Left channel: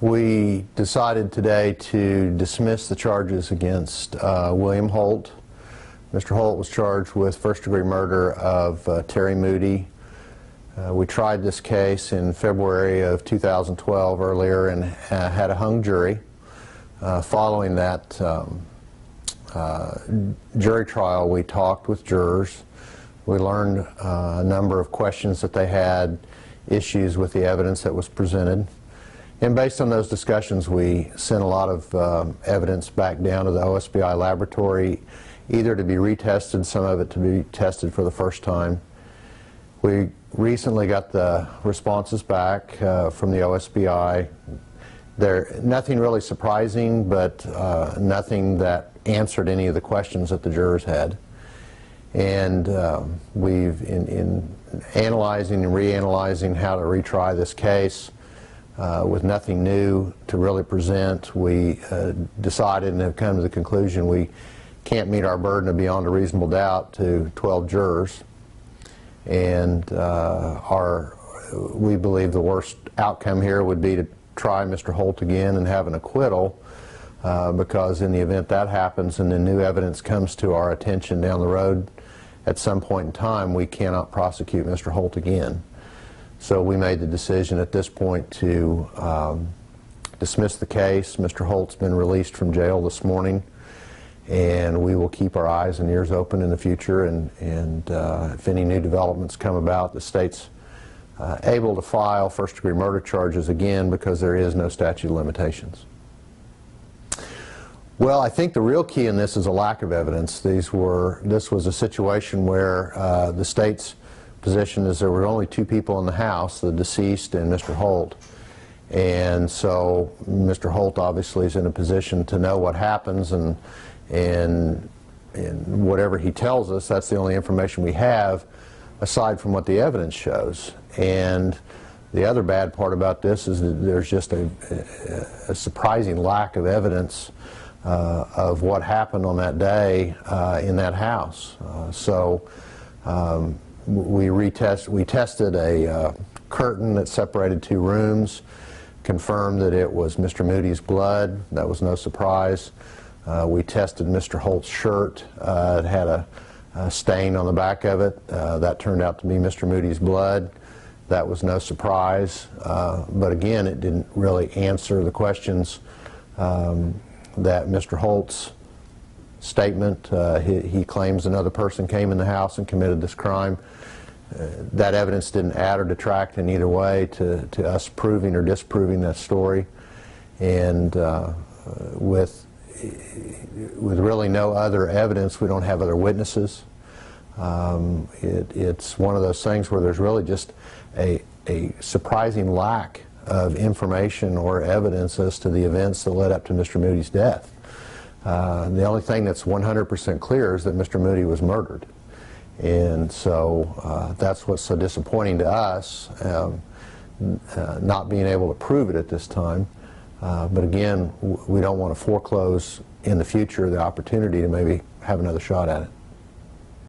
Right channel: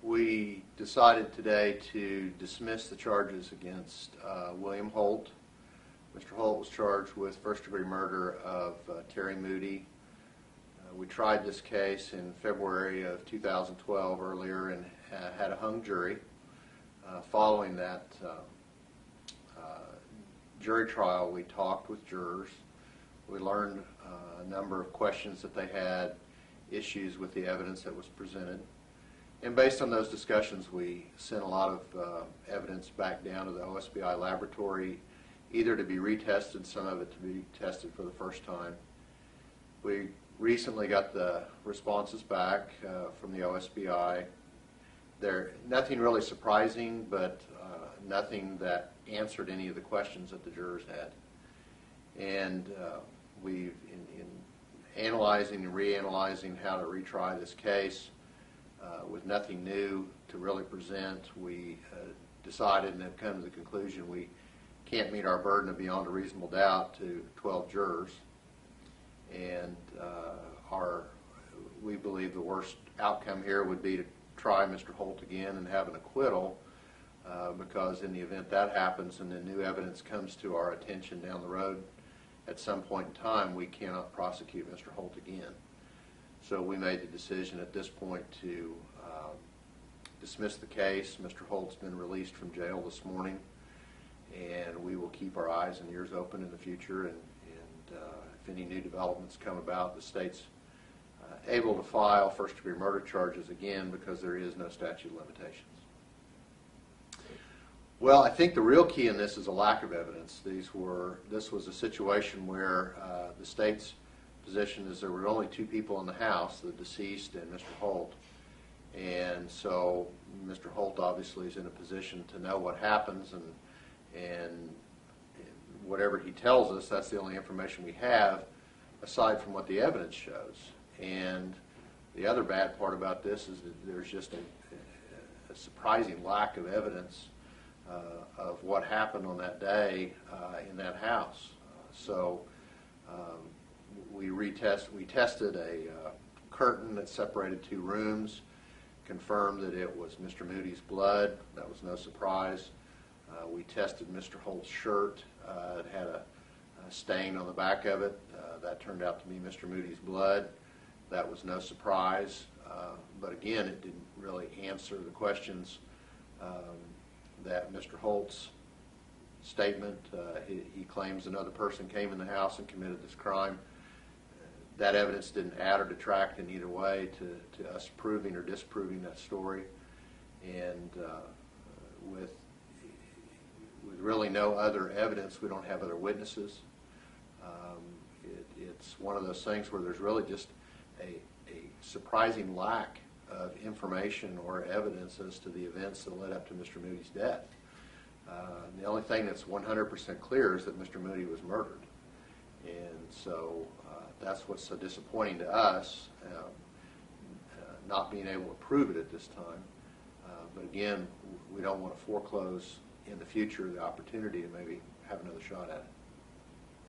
We decided today to dismiss the charges against William Holt. Mr. Holt was charged with first-degree murder of Terry Moody. We tried this case in February of 2012 earlier and had a hung jury. Following that jury trial, we talked with jurors. We learned a number of questions that they had, issues with the evidence that was presented. And based on those discussions, we sent a lot of evidence back down to the OSBI laboratory, either to be retested, some of it to be tested for the first time. We recently got the responses back from the OSBI. Nothing really surprising, but nothing that answered any of the questions that the jurors had. And we've, in analyzing and reanalyzing how to retry this case, with nothing new to really present, we decided and have come to the conclusion we can't meet our burden of beyond a reasonable doubt to 12 jurors. And we believe the worst outcome here would be to try Mr. Holt again and have an acquittal, because in the event that happens and the new evidence comes to our attention down the road at some point in time, we cannot prosecute Mr. Holt again. So we made the decision at this point to dismiss the case. Mr. Holt's been released from jail this morning, and we will keep our eyes and ears open in the future, and if any new developments come about, the state's able to file first-degree murder charges again because there is no statute of limitations. Well, I think the real key in this is a lack of evidence. This was a situation where the state's position is there were only two people in the house, the deceased and Mr. Holt. And so Mr. Holt obviously is in a position to know what happens, and whatever he tells us, that's the only information we have aside from what the evidence shows. And the other bad part about this is that there's just a surprising lack of evidence of what happened on that day in that house. We tested a curtain that separated two rooms, confirmed that it was Mr. Moody's blood. That was no surprise. We tested Mr. Holt's shirt. It had a stain on the back of it. That turned out to be Mr. Moody's blood. That was no surprise. But again, it didn't really answer the questions that Mr. Holt's statement. He claims another person came in the house and committed this crime. That evidence didn't add or detract in either way to us proving or disproving that story. And with really no other evidence, we don't have other witnesses. It's one of those things where there's really just a surprising lack of information or evidence as to the events that led up to Mr. Moody's death. The only thing that's 100% clear is that Mr. Moody was murdered. And so that's what's so disappointing to us, not being able to prove it at this time. But again, we don't want to foreclose in the future the opportunity to maybe have another shot at it.